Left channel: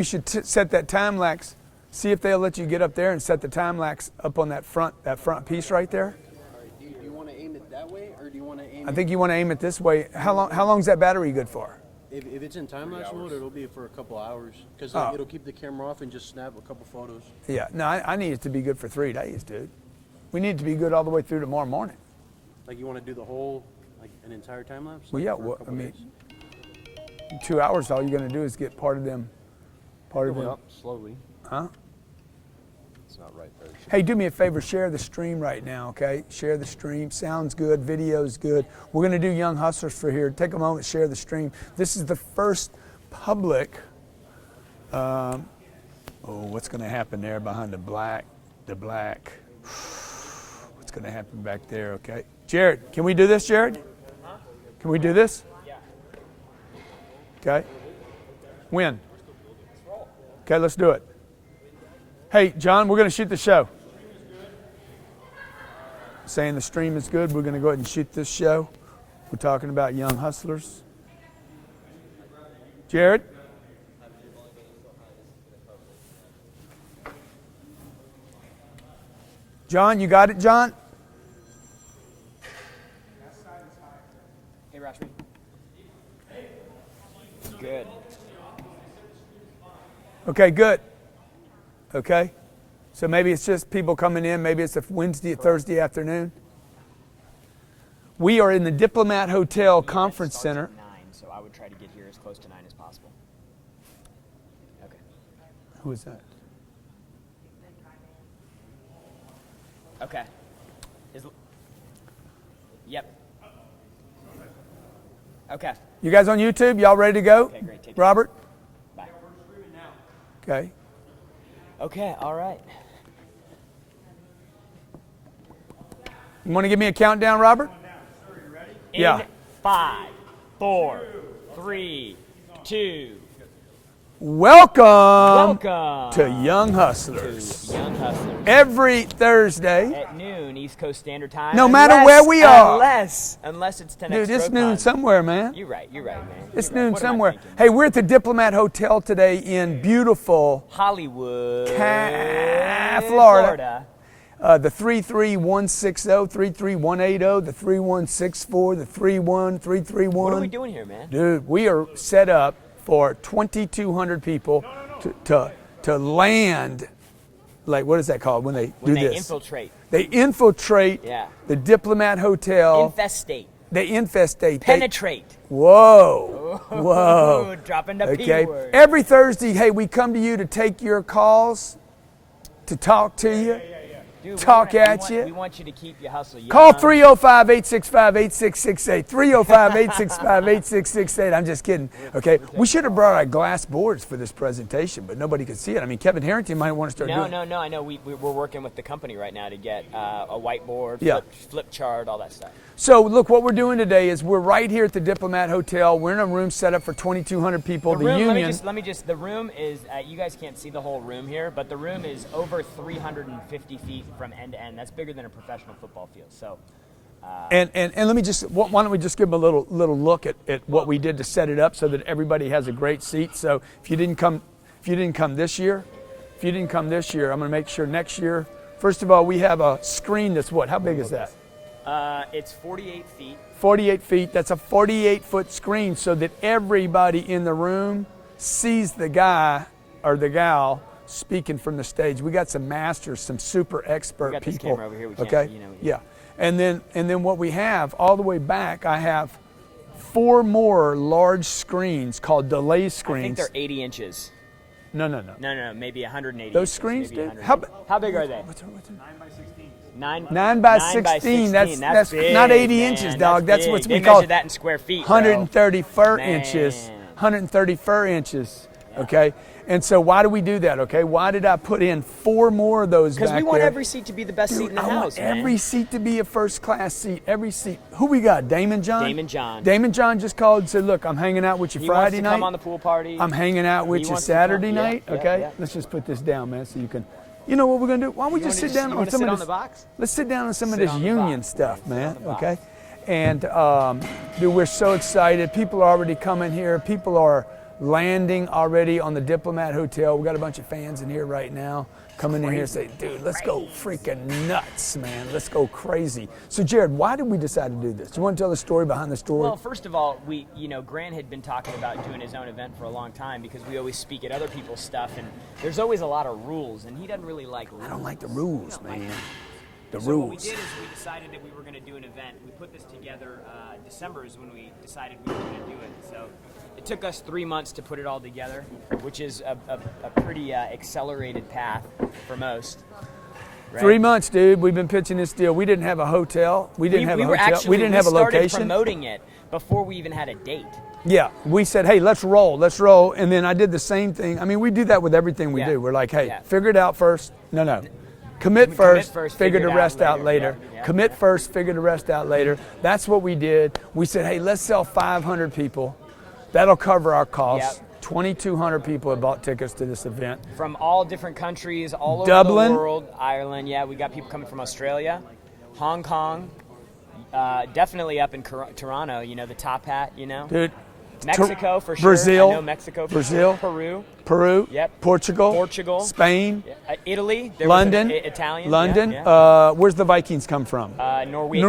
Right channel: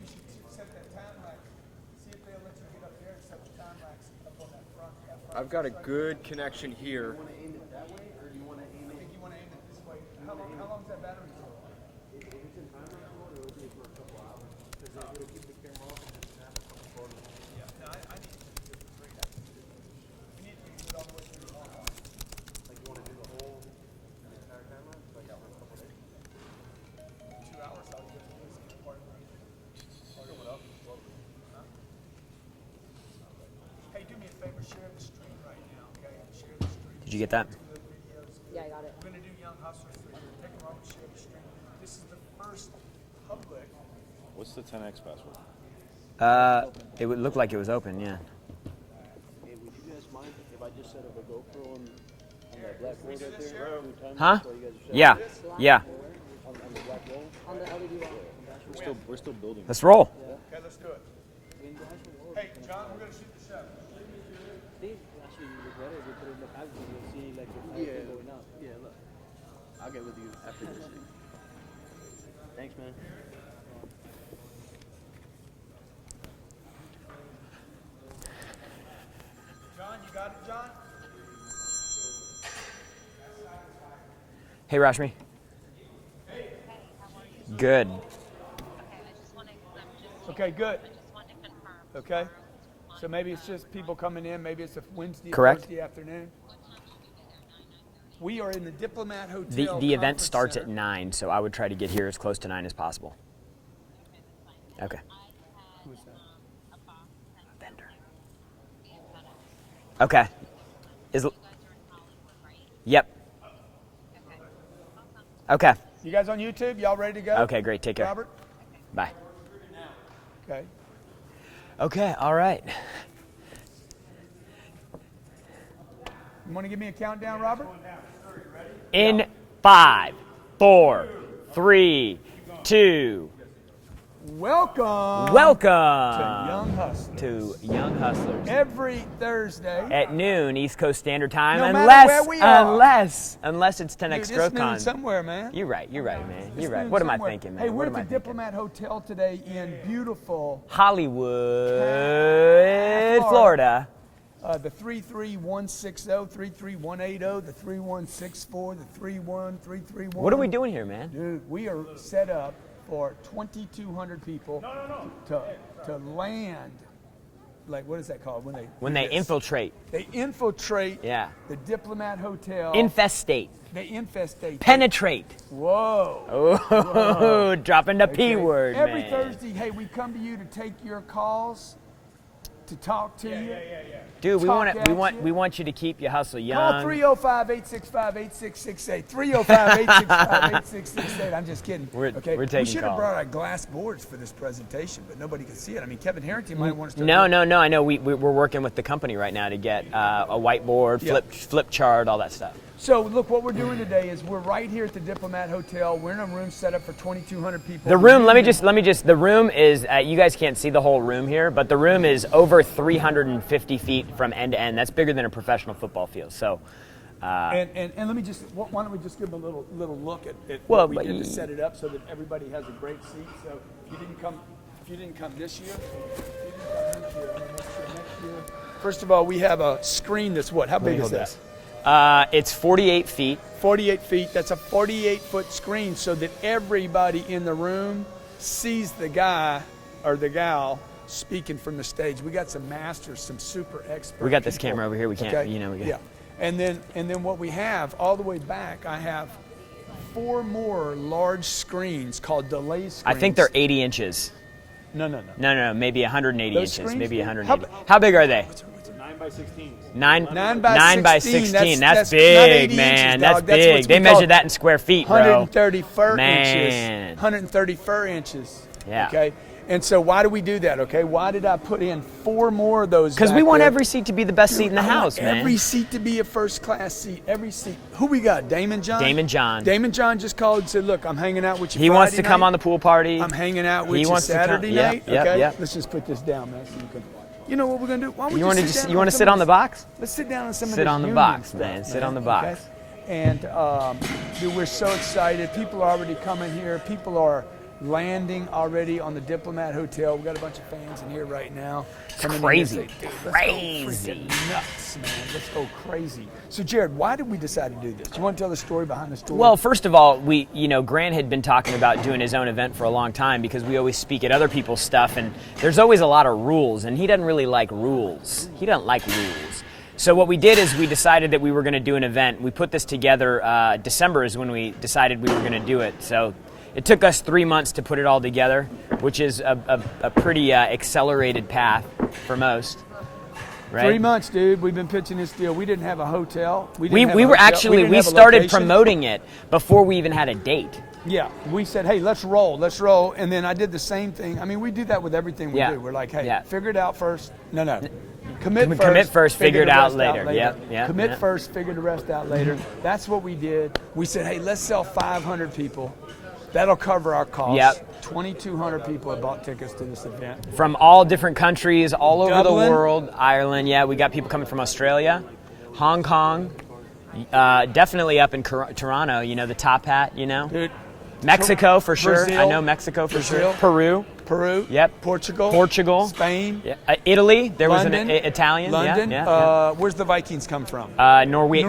You should set that time lapse. See if they'll let you get up there and set the time lapse up on that front piece right there. Good connection here. Do you want to aim it that way, or do you want to aim I think you want to aim it this way. How long is that battery good for? If it's in time-lapse mode, it'll be for a couple hours, because it'll keep the camera off and just snap a couple photos. Yeah, no, I need it to be good for 3 days, dude. We need it to be good all the way through tomorrow morning. Like you want to do the whole, like an entire time-lapse? Well, yeah, I mean, 2 hours, all you're going to do is get part of them. Up slowly. Huh? It's not right there. Hey, do me a favor, share the stream right now, okay? Share the stream. Sounds good, video's good. We're going to do Young Hustlers for here. Take a moment, share the stream. This is the first public. What's the 10x? What's going to happen? It would look there like it was behind open. The black. What's going to happen back there, okay? Jarrod, can we do this, Jarrod? Huh? Can we do this? Yeah. Okay. When? Let's roll. Okay, let's do it. Hey, John, we're going to shoot the show. Saying the stream is good, we're going to go ahead and shoot this show. We're talking about Young Hustlers. Jarrod? John, you got it, John? Hey, Rashmi. Good. Okay, good. Okay. So maybe it's just people coming in. Maybe it's a Wednesday, Correct. Thursday afternoon. We are in the Diplomat Hotel The event Conference starts Center. at 9, so I would try to get here as close to 9 as possible. Okay. Who is that? Vendor. Okay. Yep. Okay. You guys on YouTube? Y'all ready to go? Okay, great. Take care. Robert? Bye. Okay. Okay, all right. You want to give me a countdown, Robert? In Yeah. 5, 4, 3, 2. Welcome Welcome to Young Hustlers. to Young Hustlers. Every Thursday. At noon, East Coast Standard Time. No matter where we are. Unless it's 10x Dude, it's GrowthCon. noon somewhere, man. You're right, man. It's You're right. noon What am I somewhere. thinking, man? Hey, we're at the Diplomat Hotel today in beautiful Hollywood, Florida. The 33160, 33180, the 3164, the 31331. What are we doing here, man? Dude, we are set up for 2,200 people to land. Like, what is that called when they do this? infiltrate? They infiltrate Yeah. the Diplomat Hotel. Infestate. They infestate. Penetrate. Whoa. Whoa. Dropping the P Okay. word. Every man. Thursday, hey, we come to you to take your calls, to talk to you. Dude, talk at you. We want you to keep your hustle young. Call 305-865-8668. 305-865-8668. I'm just kidding. We're We taking should have calls. brought our glass boards for this presentation, but nobody could see it. I mean, Kevin Harrington might want to start doing No. I know we're working with the company right now to get a whiteboard, Yeah. flip chart, all that stuff. So, look, what we're doing today is we're right here at the Diplomat Hotel. We're in a room set up for 2,200 people. The room, let me union- just, the room is, you guys can't see the whole room here, but the room is over 350 feet from end to end. That's bigger than a professional football field. So, And let me just, why don't we just give them a little look at what we did to set it up so that everybody has a great seat. So if you didn't come this year, I'm going to make sure next year. First of all, we have a screen that's what? How big is this? it's 48 feet. 48 feet. That's a 48-foot screen so that everybody in the room sees the guy or the gal speaking from the stage. We got some masters, some super expert We got this people. camera over here. We can't, Okay? we got Yeah. And then what we have all the way back, I have 4 more large screens called delay screens. I think they're 80 inches. No. No, maybe 180 Those inches. screens? Maybe 180. How big are they? 9 by 16. 9 by 16. 16. That's That's big, not 80 man. inches, That's dog. That's big. what's They been called measure that in square feet, bro. 130 fur Man. inches. 130 fur inches. Yeah. Okay. And so why do we do that? Okay. Why did I put in 4 more of those? Because we back want there? every seat to be the best seat in the I want house, man. Every seat to be a first class seat. Every seat. Who we got? Damon John? Damon John. Damon John just called and said, look, I'm hanging out with you He Friday wants to come night. on the pool party. I'm hanging out with He you wants to come- Saturday yeah, night. yeah, Okay. yeah. Let's just put this down, man, so you can. You know what we're gonna do? Why don't we You just want to sit just down you want to some sit of on the this- box? Let's sit down on some Sit of this on the union box, stuff, man. Sit on the box. Okay? And dude, we're so excited. People are already coming here. People are landing already on the Diplomat Hotel. We got a bunch of fans in here right now. Coming crazy. in here and say, dude, let's go freaking nuts, man. Let's go crazy. So, Jarrod, why did we decide to do this? Do you want to tell the story behind the story? Well, first of all, Grant had been talking about doing his own event for a long time because we always speak at other people's stuff, and there's always a lot of rules, and he doesn't really like rules. He doesn't like rules. So what we did is we decided that we were going to do an event. We put this together. December is when we decided we were going to do it. So it took us 3 months to put it all together, which is a pretty accelerated path for most. Right? 3 months, dude. We've been pitching this deal. We didn't have a hotel. We started promoting it before we even had a date. Yeah, we said, hey, let's roll. And then I did the same thing. I mean, we do that with everything we do. We're like, hey, figure it out first. No. Commit first, figure the rest out later. Commit first, figure the rest out later. That's what we did. We said, hey, let's sell 500 people. That'll cover our costs. 2,200 people have bought tickets to this event. From all different countries, all over the world. Ireland, we got people coming from Australia, Hong Kong, definitely up in Toronto, the top hat, Dude, Mexico for sure. Brazil, I know Mexico for sure. Peru. Yep. Portugal. Spain. Yeah. Italy. There London. was an Italian. London. Yeah. Where's the Vikings come from? Norway.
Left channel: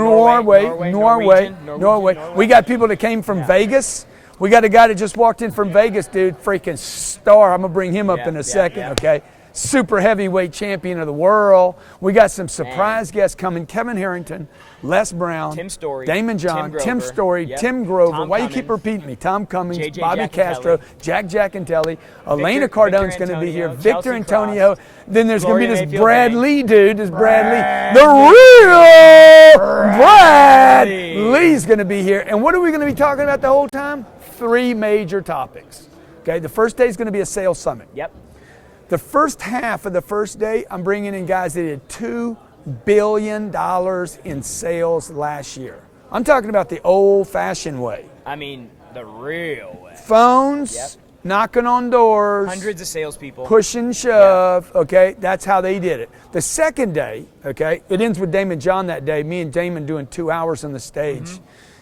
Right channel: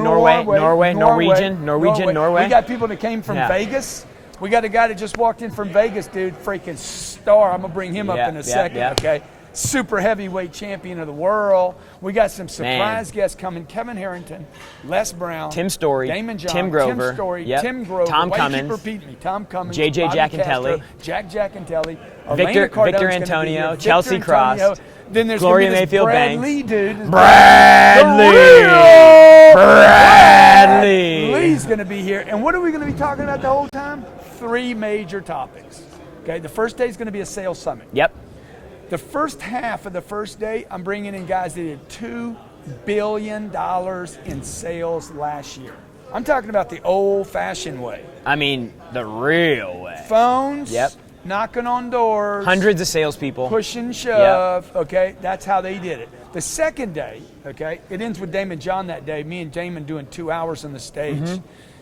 We got people that came from Vegas. We got a guy that just walked in from Vegas, dude. Freaking star. I'm going to bring him up in a second, okay? Super heavyweight champion of the world. We got some surprise guests coming. Kevin Harrington, Les Brown, Tim Story, Damon John, Tim Grover, Tim Grover. Tom Why Cummins. you keep repeating me? Tom Cummins, JJ Bobby Jack and Castro, Kelly. Jack and Telly, Elena Cardone's Victor going to be here. Antonio, Chelsea Victor Antonio. Cross. Then there's Gloria going to be this Mayfield Brad Banks. Lee, dude. This Bradley. The real Bradley. Lee's going to be here. And what are we going to be talking about the whole time? 3 major topics. Okay, the first day is going to be a sales summit. Yep. The first half of the first day, I'm bringing in guys that did $2 billion in sales last year. I'm talking about the old-fashioned way. I mean, the real way. Phones, knocking on doors. Hundreds of salespeople. Push and shove, okay? That's how they did it. The second day, okay, it ends with Damon John that day, me and Damon doing 2 hours on the stage.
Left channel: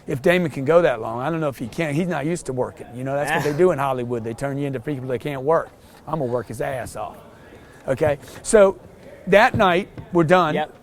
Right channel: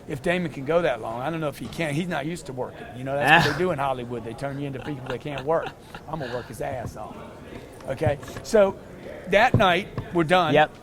If Damon can go that long, I don't know if he can. He's not used to working. That's what they do in Hollywood. They turn you into people that can't work. I'm going to work his ass off. Okay? So that night, we're done. Yep.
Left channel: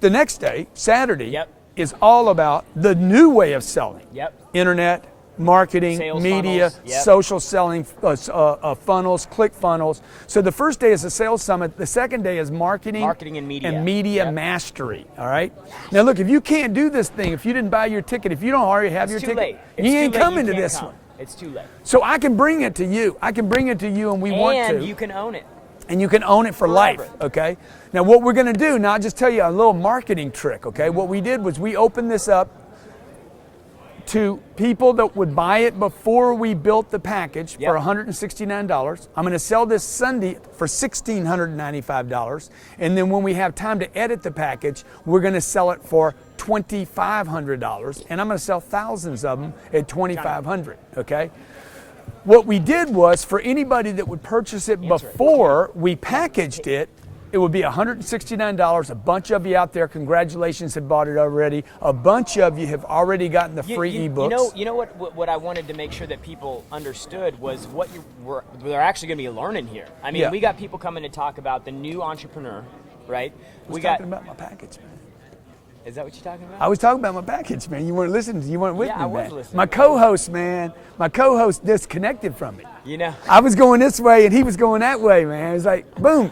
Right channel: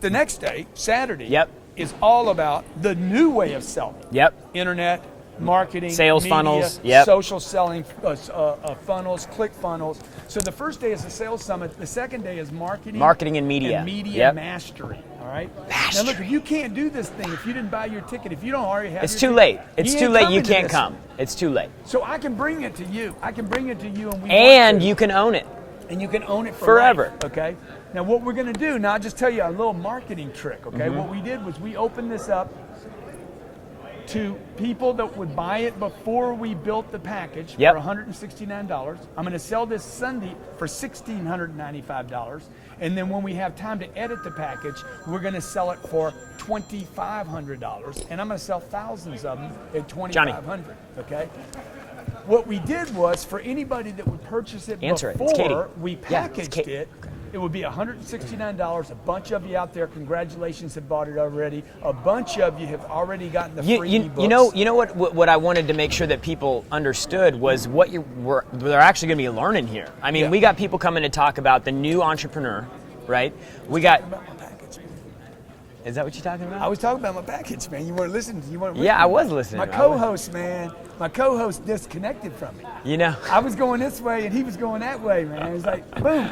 The next day, Saturday, Yep. is all about the new way of selling. Yep. Internet, marketing, Sales media, funnels. Yep. social selling, funnels, click funnels. So the first day is a sales summit. The second day is marketing and media. And media Yep. mastery. All right? Now look, if you can't do this thing, if you didn't buy your ticket, if you don't already have It's your too ticket, late. It's you too ain't late. You coming to can't this. come. It's too late. So I can bring it to you. And we want And to. you can own it. And you can own it for Forever. life, okay? Now what we're going to do, now I'll just tell you a little marketing trick, okay? What we did was we opened this up to people that would buy it before we built the package Yep. for $169. I'm going to sell this Sunday for $1,695. And then when we have time to edit the package, we're going to sell it for $2,500. And I'm going to sell thousands of them at $2,500, okay? What we did was, for anybody that would purchase it Answer it. It's before Katie. we packaged it, it would be $169. A bunch of you out there, congratulations, have bought it already. A bunch of you have already gotten the free ebooks. You know what I wanted to make sure that people understood was what they're actually going to be learning here. I mean, we got people coming to talk about the new entrepreneur, right? We got. Talking about my package, man. Is that what you're talking about? I was talking about my package, man. You weren't listening. You weren't with me. I was man. listening. My co-host, man. My co-host disconnected from me. I was going this way and he was going that way, man. It was like, boom.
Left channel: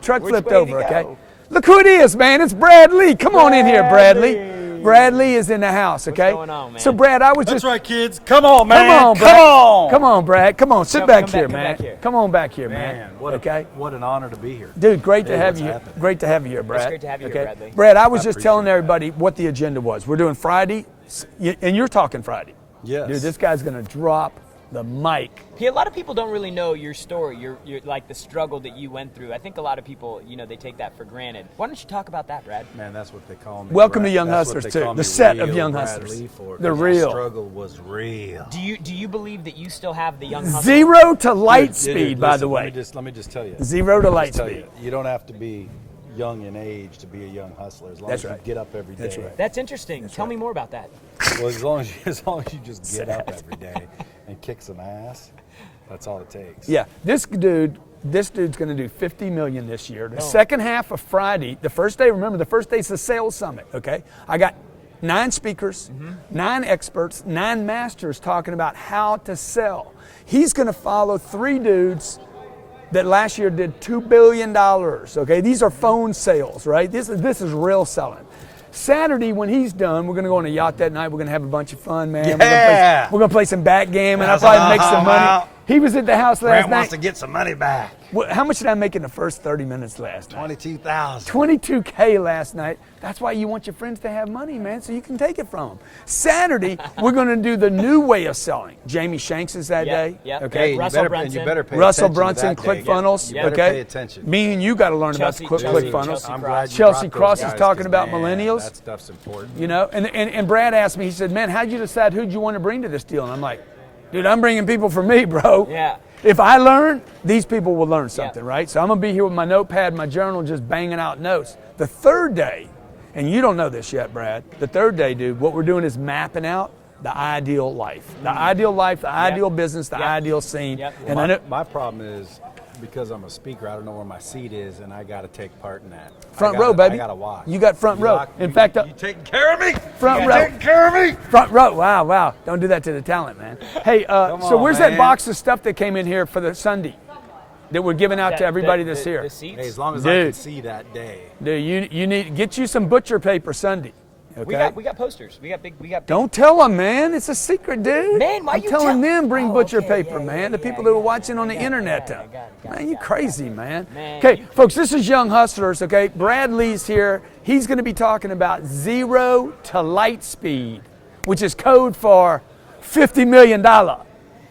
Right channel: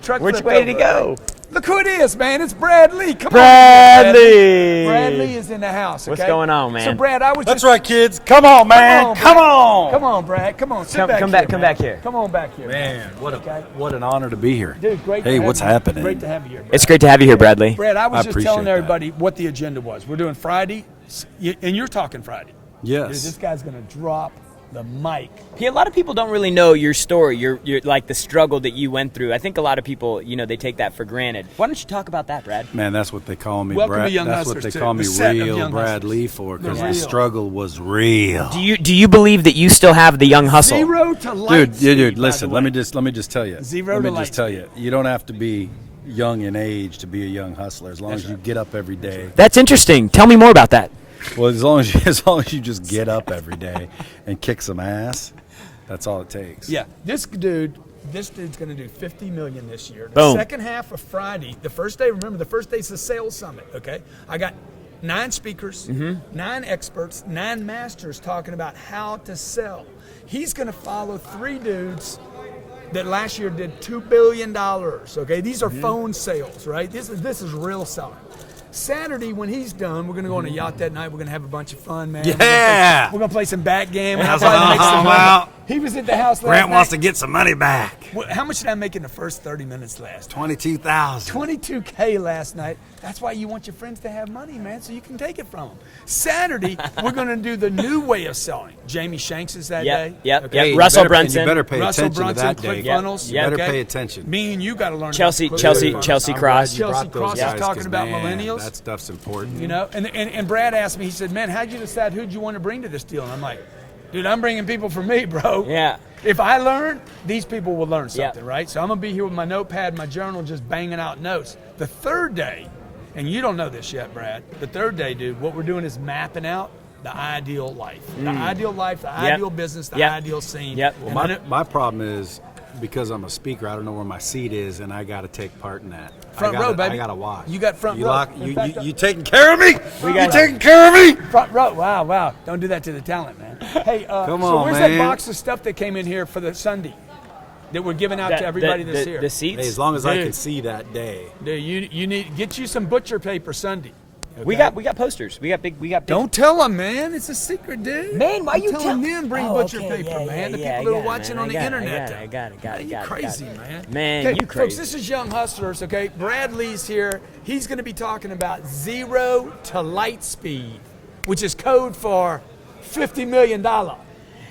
Truck Which flipped way over, did he go? Okay? Look who it is, man. It's Brad Lee. Come on in here, Brad Lee. Brad Lee is in the house, okay? What's going on, man? So, Brad, I was That's just... right, kids. Come on, man. Come on. Come on, Brad. Come on. Sit back come here, back, come man. back here. Come on back here, Man, okay? what an honor to be here. Dude, great to have Hey, you. what's happening? Great to have you here, Brad. It's great to have you here, Bradley. Brad, I was I just appreciate telling that. everybody what the agenda was. We're doing Friday, and you're talking Friday. Yes. Dude, this guy's going to drop the mic. A lot of people don't really know your story, your like the struggle that you went through. I think a lot of people, they take that for granted. Why don't you talk about that, Brad? Man, that's what they call me. Welcome Brad. to Young That's Hustlers, what they too. call The me, set of real Young Brad Hustlers. Lee for. They're 'Cause the real. struggle was real. Do you believe that you still have the young hustle? 0 to light speed, Dude, by listen. the way. Let me just tell you. 0 Let to me light just tell speed. you. You don't have to be young in age to be a young hustler. As long That's as you right. get up every day. That's interesting. Tell me more about that. Well, as long as you just get up every day and kick some ass. That's all it takes. Yeah, this dude's going to do 50 million this year. The Boom. second half of Friday, the first day, remember the first day is the sales summit, okay? I got 9 speakers, 9 experts, 9 masters talking about how to sell. He's going to follow 3 dudes that last year did $2 billion, okay? These are phone sales, right? This is real selling. Saturday, when he's done, we're going to go on a yacht that night. We're going to have a bunch of fun, man. Yeah. We're going to play some backgammon. I'll That's probably make some money. well. He was at the house last Grant night. wants to get some money back. How much did I make in the first 30 minutes last night? 22,000. $22K last night. That's why you want your friends to have money, man, so you can take it from them. Saturday, we're going to do the new way of selling. Jamie Shanks is that day. Yep. Okay. you Russell better- Brunson. You better pay Russell attention Brunson, to that day. ClickFunnels. You better okay? pay attention. Me and you got to learn Chelsea about Cross. I'm glad you Chelsea brought those Cross is guys, talking 'cause, about man, millennials. That stuff's important. You know, and Brad asked me, he said, man, how'd you decide who'd you want to bring to this deal? And I'm like, dude, I'm bringing people for me, bro. Yeah. If I learn, these people will learn something, right? So I'm going to be here with my notepad, my journal, just banging out notes. The third day, and you don't know this yet, Brad, the third day, dude, what we're doing is mapping out the ideal life. The ideal life, the ideal business, the ideal scene. Yep. And then My problem is, because I'm a speaker, I don't know where my seat is, and I got to take part in that. Front row, baby. I got to watch. You got front row. In fact, you taking care of me? Front you row. taking care of me? front row. Wow. Don't do that to the talent, man. Hey, Come so on, where's that man. box of stuff that came in here for the Sunday that we're giving out to everybody that's here? The seats. Hey, as long as I Dude. can see that day. Dude, you need get you some butcher paper Sunday. We okay? got posters. We got big. Don't tell them, man. It's a secret, dude. Man, why I'm you telling tell- them bring Oh, butcher okay, paper, yeah, man. The yeah, people I that are got it, watching man. on I the got it, internet, I got it, though. I got it, Man, you got it, crazy, got it. man. Man, Okay, you folks, crazy. this is Young Hustlers. Okay, Bradley's here. He's going to be talking about 0 to light speed, which is code for $50 million.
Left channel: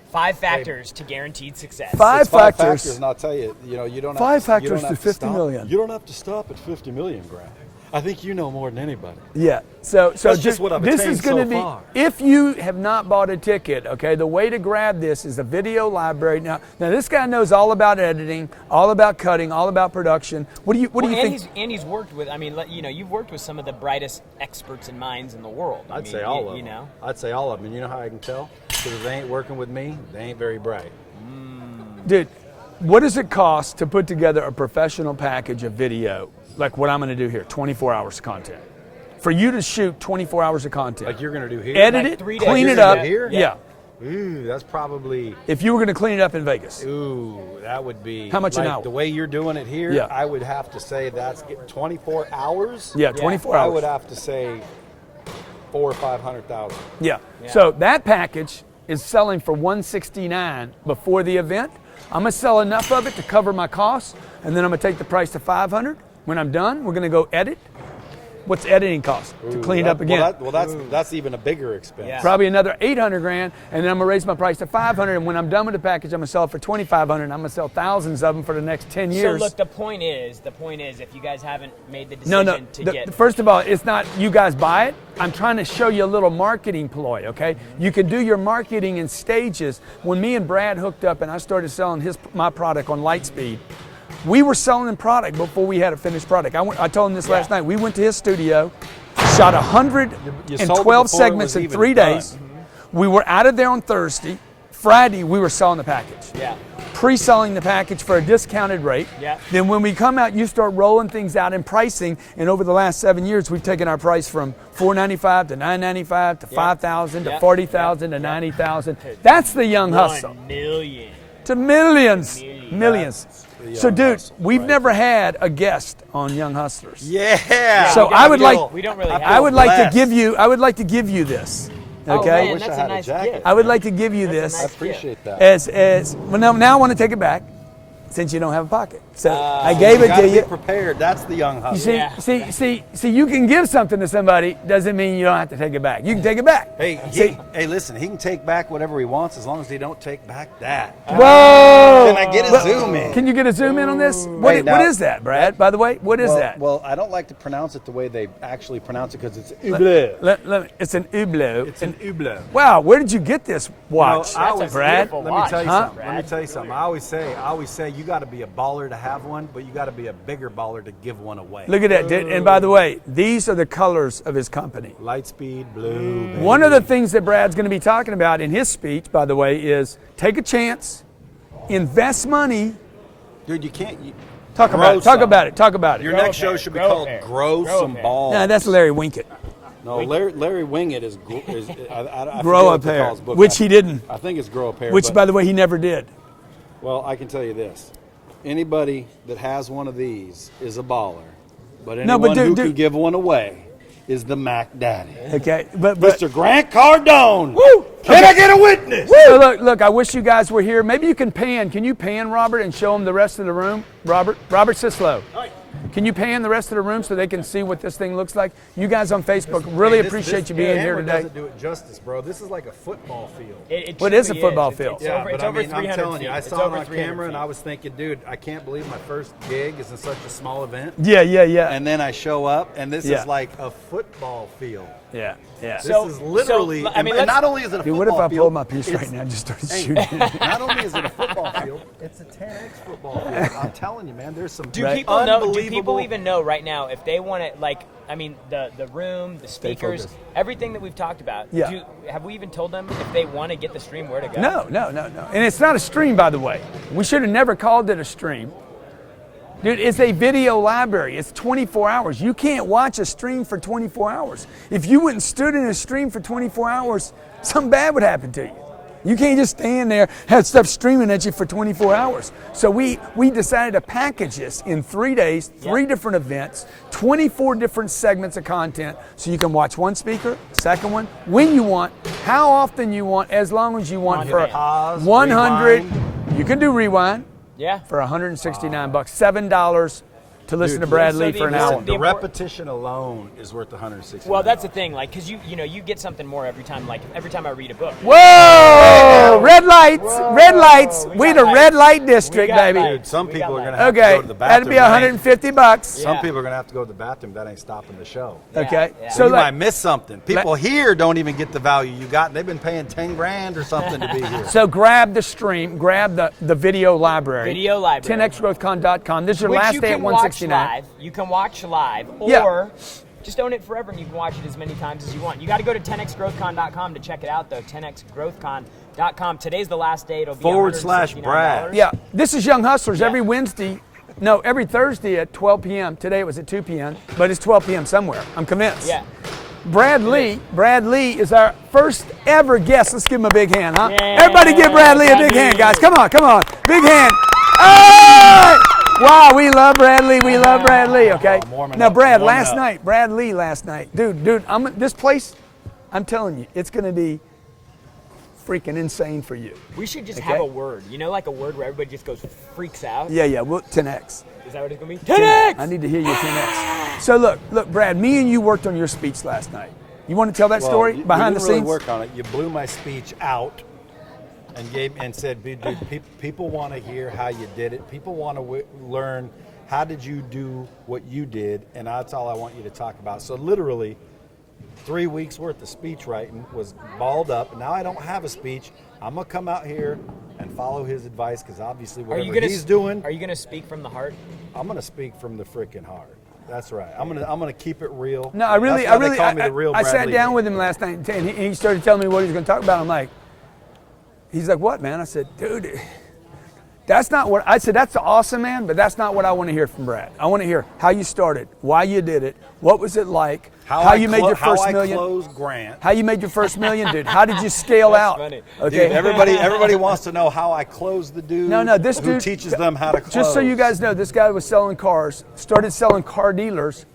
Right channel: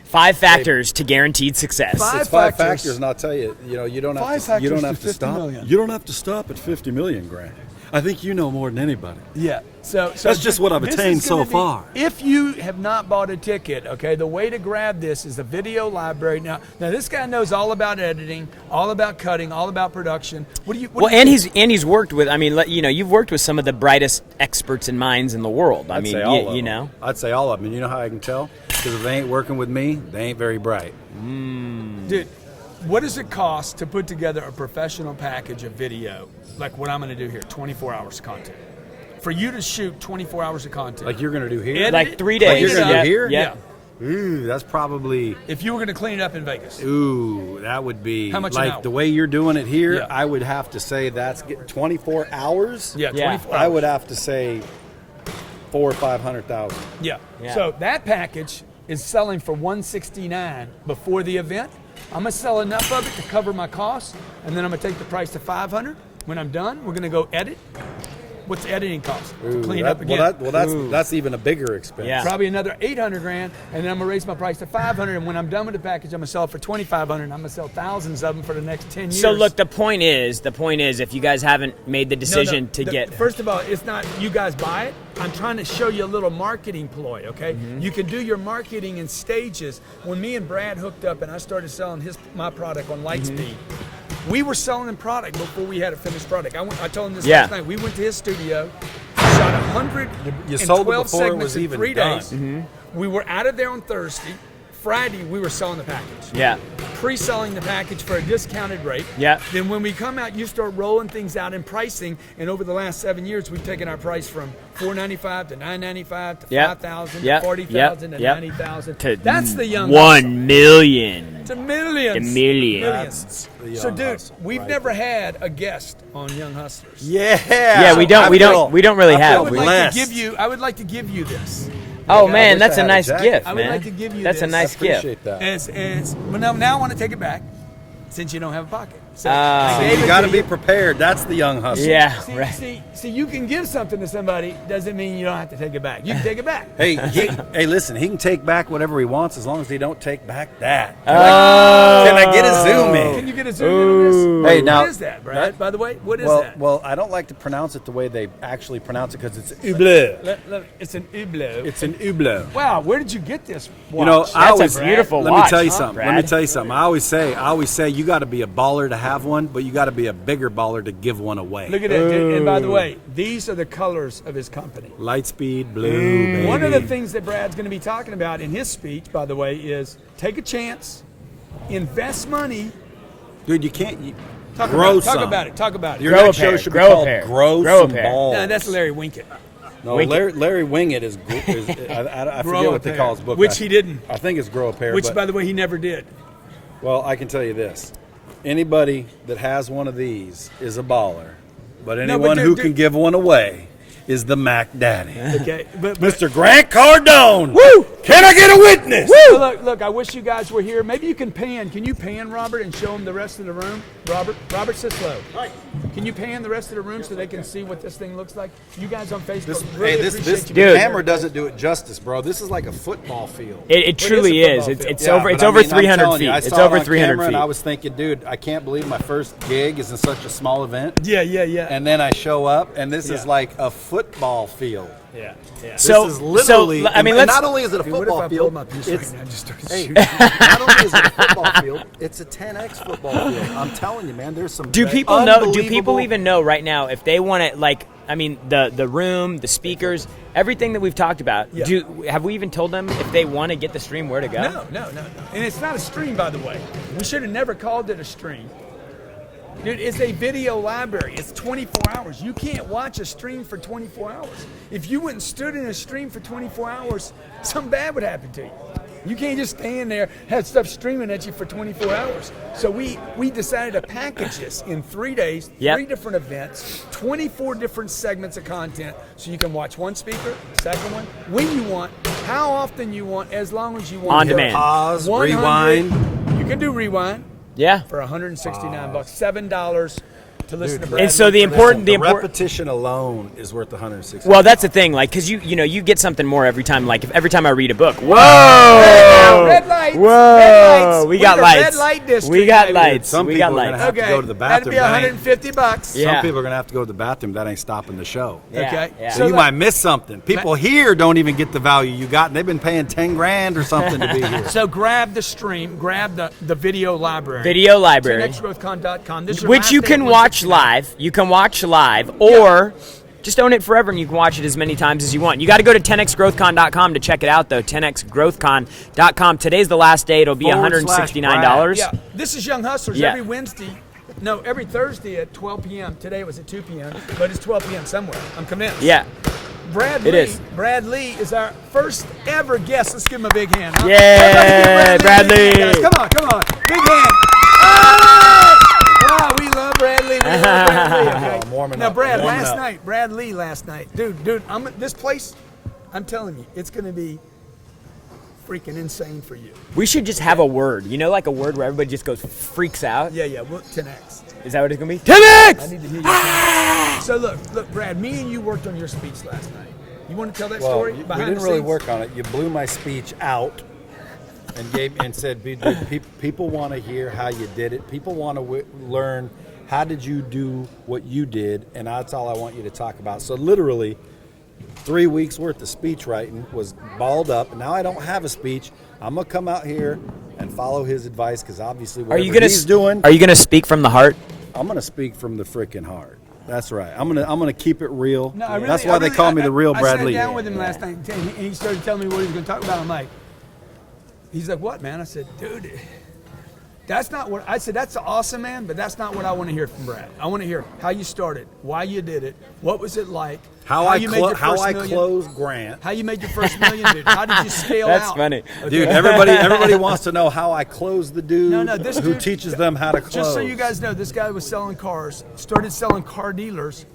5 factors to guaranteed success. Five It's 5 factors. factors, and I'll tell you, you don't have 5 to. factors You don't to have to 50 stop. million. You don't have to stop at 50 million, Grant. I think you know more than anybody. Yeah. So That's just what I've this attained is gonna so be- far. If you have not bought a ticket, okay, the way to grab this is the video library. Now this guy knows all about editing, all about cutting, all about production. What do you? What Well, do you and think? he's worked with. I mean, you've worked with some of the brightest experts and minds in the world. I I'd mean, say all of you them. know. I'd say all of them. And you know how I can tell? Because if they ain't working with me, they ain't very bright. Dude, what does it cost to put together a professional package of video like what I'm going to do here? 24 hours of content. For you to shoot 24 hours of content. Like you're going to do here? Edit Like it, 3 clean days. it up. Yeah. Here? Yeah. Ooh, that's probably. If you were going to clean it up in Vegas. Ooh, that would be. How much an like hour? the way you're doing it here, Yeah. I would have to say that's 24 hours. Yeah, Yeah. 24 hours. I would have to say 400,000 or 500,000. Yeah. Yeah. So that package is selling for $169 before the event. I'm gonna sell enough of it to cover my costs, and then I'm gonna take the price to $500. When I'm done, we're gonna go edit. What's the editing cost to Ooh, clean that- up again? that's even a bigger expense. Yeah. Probably another $800,000, and then I'm gonna raise my price to $500. And when I'm done with the package, I'm gonna sell it for $2,500. And I'm gonna sell thousands of them for the next 10 years. So look, the point is, if you guys haven't made the decision to get. First of all, it's not you guys buy it. I'm trying to show you a little marketing ploy, okay? You can do your marketing in stages. When me and Brad hooked up and I started selling my product on Lightspeed, we were selling product before we had a finished product. I told him this Yeah. last night. We went to his studio, shot You sold it 112 before it segments was in even 3 done. days. We were out of there on Thursday. Friday, we were selling the package. Yeah. Pre-selling the package for a discounted rate. Yeah. Then when we come out, you start rolling things out in pricing. And over the last 7 years, we've taken our price from $495 to $995 to Yep. $5,000 Yep. to $40,000 to Yep. $90,000. To That's the young hustle. 1 million. To millions. To millions. Millions. the So, young dude, hustle, we've right never there. had a guest on Young Hustlers. Yeah. Yeah, So we I don't. would We don't really I have. I would like blessed. to give you. I would like to give you this. Oh Okay? man, I that's wish I a had a nice jacket. gift. I would man. like to give you That's this. a nice I appreciate gift. that. As well, now I want to take it back, since you don't have a pocket. So I So gave You it got to to be you. prepared. That's the young hustle. Yeah. See, right. see, you can give something to somebody. Doesn't mean you don't have to take it back. You can take it back. Hey, hey, listen. He can take back whatever he wants as long as he don't take back that. Whoa! Can I get a zoom in? Can you get a zoom in on this? Hey, What now- is that, Brad? By the way, what is well, that? well, I don't like to pronounce it the way they actually pronounce it because it's It's an hublot. It's an hublot. Wow, where did you get this watch? You know, That's I always, a beautiful let watch, me tell you huh, something. Let me Brad? tell you something. I always say, you got to be a baller to have one, but you got to be a bigger baller to give one away. Look at that. And by the way, these are the colors of his company. Lightspeed blue. Baby. One of the things that Brad's going to be talking about in his speech, by the way, is take a chance, invest money. Dude, you can't. Talk grow about it. Your Grow next a pair, show should be grow a called pair, Grow grow a Some pair. Balls. No, that's Larry Winkett. No, Larry Wingett is I Grow forget a what they pair, call his book. which he didn't. I think it's Grow a Pair. Which, but, by the way, he never did. well, I can tell you this: anybody that has one of these is a baller, but anyone who can give one away is the Mac Daddy. Okay, but Mr. Grant Cardone. Woo! Can I get a witness? So look, I wish you guys were here. Maybe you can pan. Can you pan, Robert, and show them the rest of the room? Robert Sislow. Hi. Can you pan the rest of the room so they can see what this thing looks like? You guys on Facebook, really Hey, appreciate you The being here camera today. doesn't do it justice, bro. This is like a football field. It What is truly a football is. field? It's Yeah, over. but It's I over mean, I'm 300 telling feet. you, I It's saw it over on 300 camera, feet. and I was thinking, dude, I can't believe my first gig is in such a small event. Yeah. And then I show up, and this Yeah. is like a football field. Yeah. This is literally. I mean, and let's- not only is it a Dude, what if football I field, pulled my piece right it's, now and just started hey, shooting? not only is it a football field, it's a 10x football field. I'm telling you, man. There's some. Do people know? Do people unbelievable- even know right now if they want to? Like, I mean, the room, the speakers, everything that we've talked about. Yeah. Have we even told them if they want to get the stream where to go? No. And it's not a stream, by the way. We should have never called it a stream. Dude, it's a video library. It's 24 hours. You can't watch a stream for 24 hours. If you went and stood in a stream for 24 hours, something bad would happen to you. You can't just stand there, have stuff streaming at you for 24 hours. So we decided to package this in 3 days, Yep. 3 different events, 24 different segments of content, so you can watch one speaker, second one, when you want, how often you want, as long as you want. On For demand. Pause, 100. rewind. You can do rewind Yeah. for $169, $7 to listen to Brad. And so Lee the for an important- hour. the The important- repetition alone is worth 160. Well, that's the thing. Like, because you get something more every time. Like, if every time I read a book. Red lights. Whoa. Red lights. We We're got the lights. red light district. We got baby. lights. Some We people got are gonna lights. have to Okay, go to the that'd bathroom. be That ain't- $150. Yeah. Some people are gonna have to go to the bathroom. That ain't stopping the show. Yeah, Okay. yeah. So you like- might miss something. People here don't even get the value you got. And they've been paying 10 grand or something to be here. So grab the stream, grab the video library. Video library. 10xgrowthcon.com. This is your Which last you day can at watch 169. live. You can watch live, or just own it forever and you can watch it as many times as you want. You got to go to 10xgrowthcon.com to check it out, though. 10xgrowthcon.com. Today's the last day. It'll be $169. Yeah, this is Young Hustlers Yeah. every Wednesday. No, every Thursday at 12 p.m. Today it was at 2 p.m., but it's 12 p.m. somewhere. I'm convinced. Yeah. Brad It Lee. is. Brad Lee is our first ever guest. Let's give him a big hand, huh? Yeah, Everybody give Brad Lee Brad a big hand, Lee. guys. Come on. Big hand. Oh! Wow, we love Brad Lee. We love Brad Lee, okay? I'm warming Now, up. Brad, I'm warming last up. night, Brad Lee last night. Dude, this place, I'm telling you, it's going to be freaking insane for you. We should just have a word. You know, like a word where everybody just goes freaks out? Yeah, we'll 10X. Is that what it's going to be? 10X! I need to hear your 10X. So look, Brad, me and you worked on your speech last night. You want to tell that story we behind didn't the really scenes? work on it. You blew my speech out and said, dude, people want to hear how you did it. People want to learn how did you do what you did, and that's all I want you to talk about. So literally 3 weeks worth of speech writing was balled up, and now I don't have a speech. I'm gonna come out here and follow his advice because obviously whatever he's doing, Are you going to speak from the heart? I'm gonna speak from the freaking heart. That's right. I'm gonna keep it real. No, I really. That's why they call me the real I Brad sat Lee. down with him last night, and he started telling me what he was going to talk about. I'm like, he's like, "What, man?" I said, "Dude, that's not what." I said, "That's awesome, man, but that's not what I want to hear from Brad. I want to hear how you started, why you did it, what was it like, How you made your how first I million, closed Grant. how you made your first million, dude. How did you scale That's out?" funny. Dude, everybody wants to know how I closed the dude No, this who dude teaches them how to close. Just so you guys know, this guy was selling cars, started selling car dealers.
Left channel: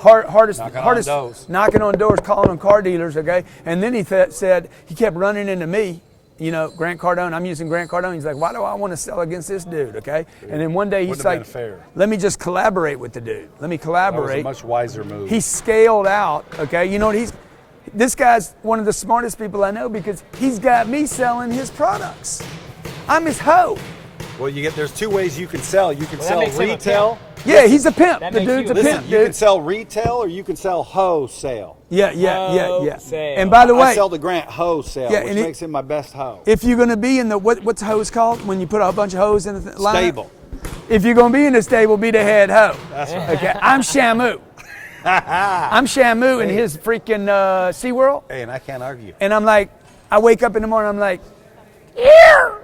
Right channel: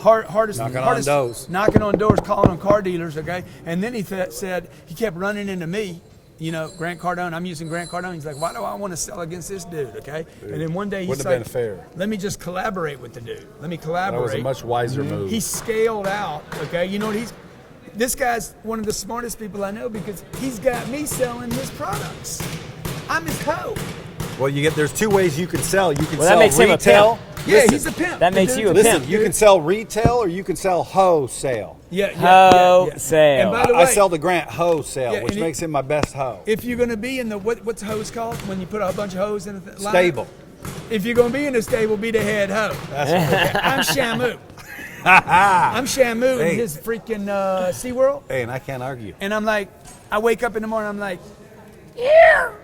Hardest, knocking on doors, calling them car dealers, okay? And then he said, he kept running into me, you know, Grant Cardone, I'm using Grant Cardone. He's like, why do I want to sell against this dude, okay? And then one day he's Wouldn't like, have been fair. let me just collaborate with the dude. Let me That collaborate. was a much wiser move. He scaled out, okay? You know what this guy's one of the smartest people I know because he's got me selling his products. I'm his hoe. Well, there's 2 ways you can sell. You can Well, that sell makes him a retail. Yeah, Listen, he's a pimp. That The makes dude's you a Listen, pimp, you dude. can sell retail or you can sell wholesale. Yeah. Wholesale. And by the way, I sell to Grant wholesale, Yeah, which and makes him my best hoe. if you're going to be in the, what's hose called when you put a bunch of hose in the line? Stable. If you're going to be in the stable, be the head hoe. That's right. Okay, I'm Shamu. I'm Shamu in his freaking SeaWorld. Hey, and I can't argue. And I'm like, I wake up in the morning, I'm like, here.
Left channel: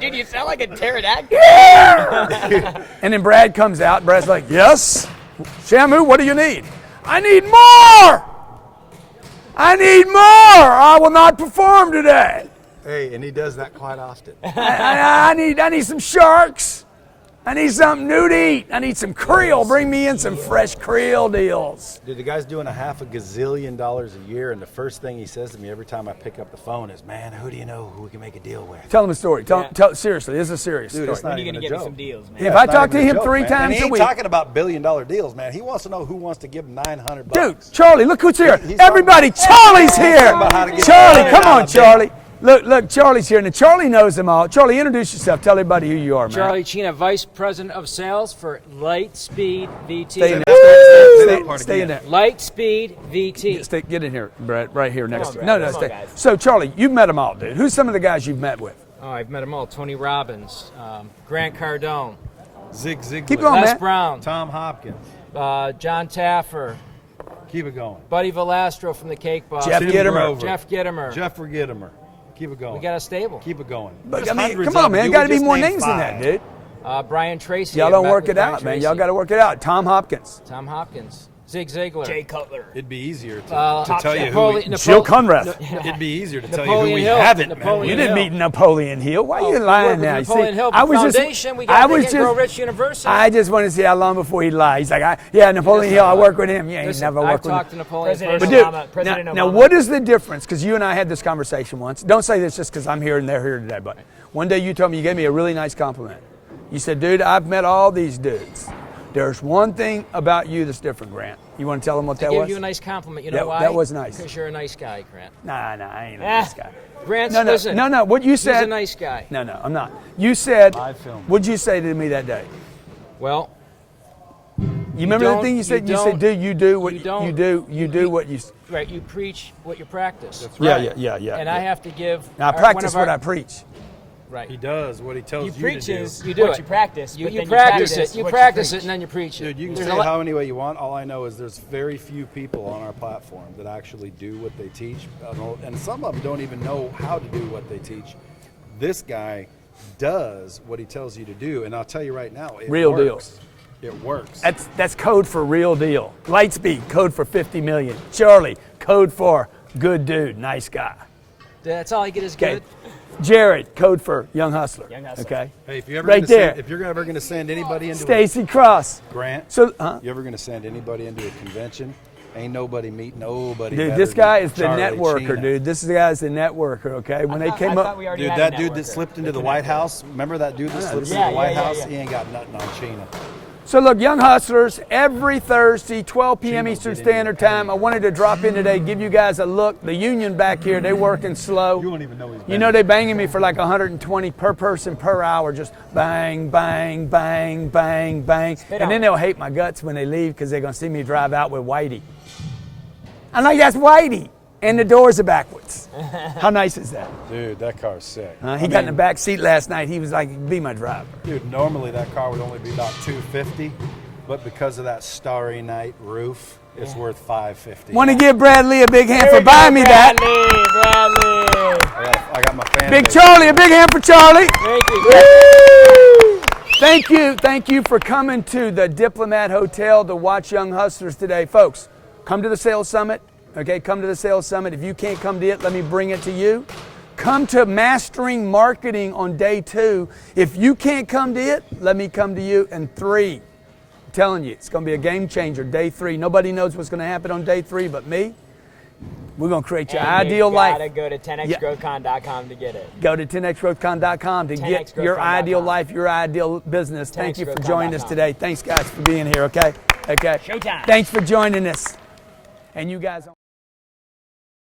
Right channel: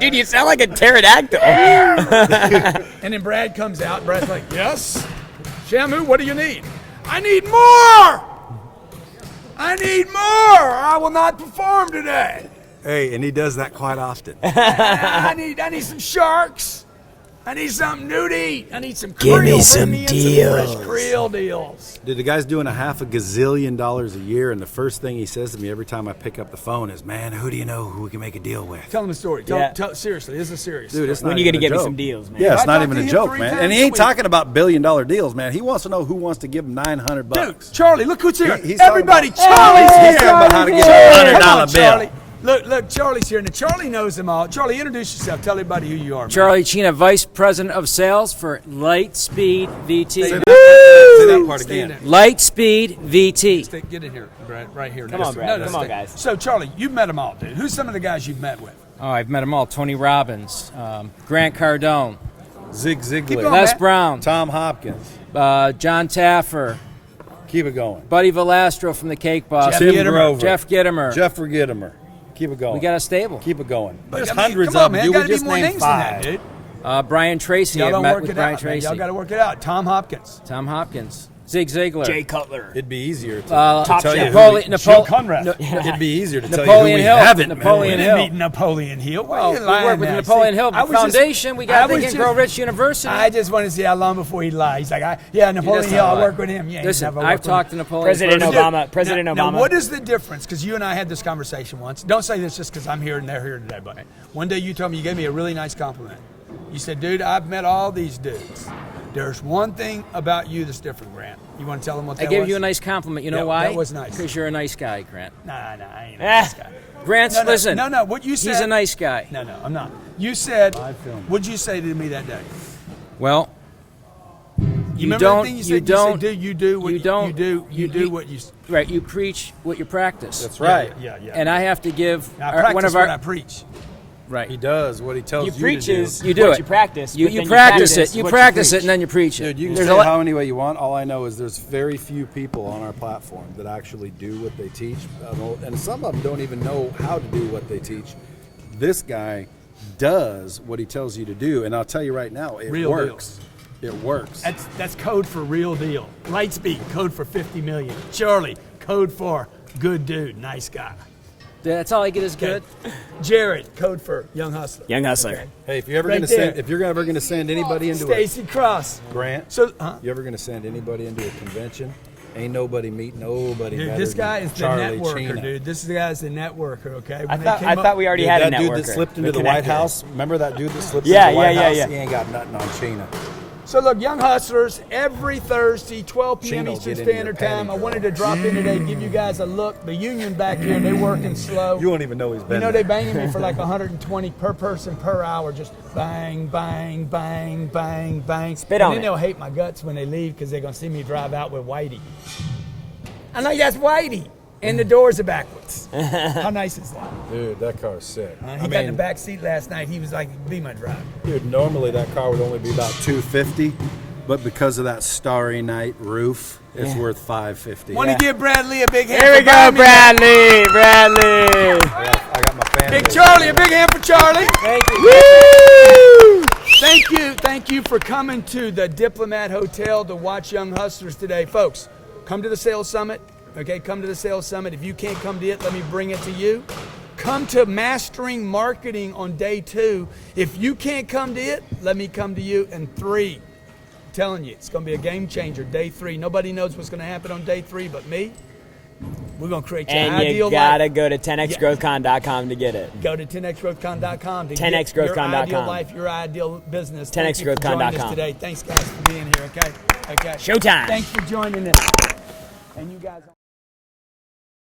Dude, you sound like a pterodactyl. And then Brad comes out. Brad's like, yes, Shamu, what do you need? I need more. I need more. I will not perform today. Hey, and he does that quite often. I need some sharks. I need something new to eat. I need some krill. Bring me in some fresh krill deals. Dude, the guy's doing $500 gazillion a year, and the first thing he says to me every time I pick up the phone is, "Man, who do you know who we can make a deal with?" Tell him a story. Tell seriously, this is a serious Dude, story. it's not When you even gonna a get me joke. some deals, man? Yeah, If it's I not talk even to a him joke, 3 man. times And he a ain't week. talking about billion-dollar deals, man. He wants to know who wants to give him $900 bucks. Dude, Charlie, look who's here. He's talking Everybody, about- Charlie's He's here. talking about how to get Charlie, a come on, $100 bill. Charlie. Look, Charlie's here. Now, Charlie knows them all. Charlie, introduce yourself. Tell everybody who you are, man. Charlie Chena, Vice President of Sales for Lightspeed VT. Say that part Stay in again. there. Lightspeed VT. Get in here, Brad, right here next on, to Brad. me. Come on, stay. guys. So, Charlie, you've met them all, dude. Who's some of the guys you've met with? Oh, I've met them all. Tony Robbins, Grant Cardone, Zig Ziglar. Keep going, Les man. Brown, Tom Hopkins. John Taffer, Keep it going. Buddy Velastro from the Cake Boss, Jeff Tim Gittimer. Grover. Jeff Gittimer. Jeff Gittimer. Keep it going. We got a stable. Keep it going. There's I mean, hundreds come on, of them. man. dude. Got to We be just more named names than that, 5. dude. Brian Tracy. Y'all I've don't met work with it Brian out, man. Tracy. Y'all got to work it out. Tom Hopkins. Tom Hopkins. Zig Ziglar. Jay Cutler. It'd be easier to Top tell you chef. who we, Jill Conrad. It'd be easier to tell you who Napoleon we Hill. haven't met Napoleon We with. didn't Hill. meet Napoleon Hill. Why are you We lying work with now? Napoleon See, Hill. I was just- Foundation. We I got was Think and Grow just- Rich University. I just want to see how long before he lies. He's like, Napoleon doesn't Hill, I lie. work with him. Yeah, Listen, never worked I've with talked to him. Napoleon President first. Obama. President Now, Obama. what is the difference? Because you and I had this conversation once. Don't say this just because I'm here and they're here today, but one day you told me, you gave me a really nice compliment. You said, dude, I've met all these dudes. There's one thing about you that's different, Grant. You want to tell them what that I was? gave you a nice compliment. You know That- why? that was nice. Because you're a nice guy, Grant. Nah, I ain't a nice guy. Grant's, listen. No, what you said. He's a nice guy. No, I'm not. You said, Live film. what'd you say to me that day? Well, You remember don't- the thing you you said? You don't- said, dude, you do what you don't- you do you- what you. right, you preach what you practice. That's right. Yeah. And I have to give Now, I one practice of our, what I preach. right. He does what he tells You you, preach to do. is You do what it. you practice. You but then practice it. You what practice preach. it, and then you preach it. Dude, you can There's say a lot- how any way you want. All I know is there's very few people on our platform that actually do what they teach, and some of them don't even know how to do what they teach. This guy does what he tells you to do, and I'll tell you right now, it Real works. deals. It works. That's code for real deal. Lightspeed, code for 50 million. Charlie, code for good dude, nice guy. That's all I get is good. Jarrod, code for young hustler. Young hustler. Okay. Hey, if you're ever Right gonna send, there. if you're ever going to send anybody into Stacy Cross. a Grant, So, you ever going to send anybody into a convention? Ain't nobody meet nobody. dude, better this guy than is the Charlie networker, Chena. dude. This guy's the networker, okay? When I thought we already Dude, had a that dude that networker. slipped into the connector. White House. Remember that dude that slipped Yeah, into the White yeah, House? yeah. He ain't got nothing on Chena. So look, Young Hustlers, every Thursday, 12 p.m. Chino, Eastern get into Standard your Time. I panic. wanted to drop in today, give you guys a look. The union back here, they're working slow. You won't even know he's been You know, there. they're banging me for like 120 per person per hour, just bang, bang, bang, bang, bang. Spit and on then it. they'll hate my guts when they leave because they're going to see me drive out with Whitey. I'm like, that's Whitey. And the doors are backwards. How nice is that? Dude, that car's sick. He got in the back seat last night. He was like, be my driver. Dude, normally that car would only be about $250, but because of that Starry Night roof, it's worth $550. Want to give Bradley a big hand Here for we go, buying me that. Bradley. I got my family. Big Charlie, a big hand for Charlie. Thank you. Woo! Thank you for coming to the Diplomat Hotel to watch Young Hustlers today. Folks, come to the Sales Summit. Okay, come to the Sales Summit. If you can't come to it, let me bring it to you. Come to Mastering Marketing on day 2. If you can't come to it, let me come to you. And 3, I'm telling you, it's going to be a game changer. Day 3. Nobody knows what's going to happen on day 3 but me. We're going to create your And ideal you gotta life. go to 10xgrowthcon.com to get it. Go to 10xgrowthcon.com to get your 10xgrowthcon.com. ideal life, your ideal business. Thank you for 10xgrowthcon.com. joining us today. Thanks, guys, for being here, okay? Okay. Showtime. Thanks for joining us. And you guys...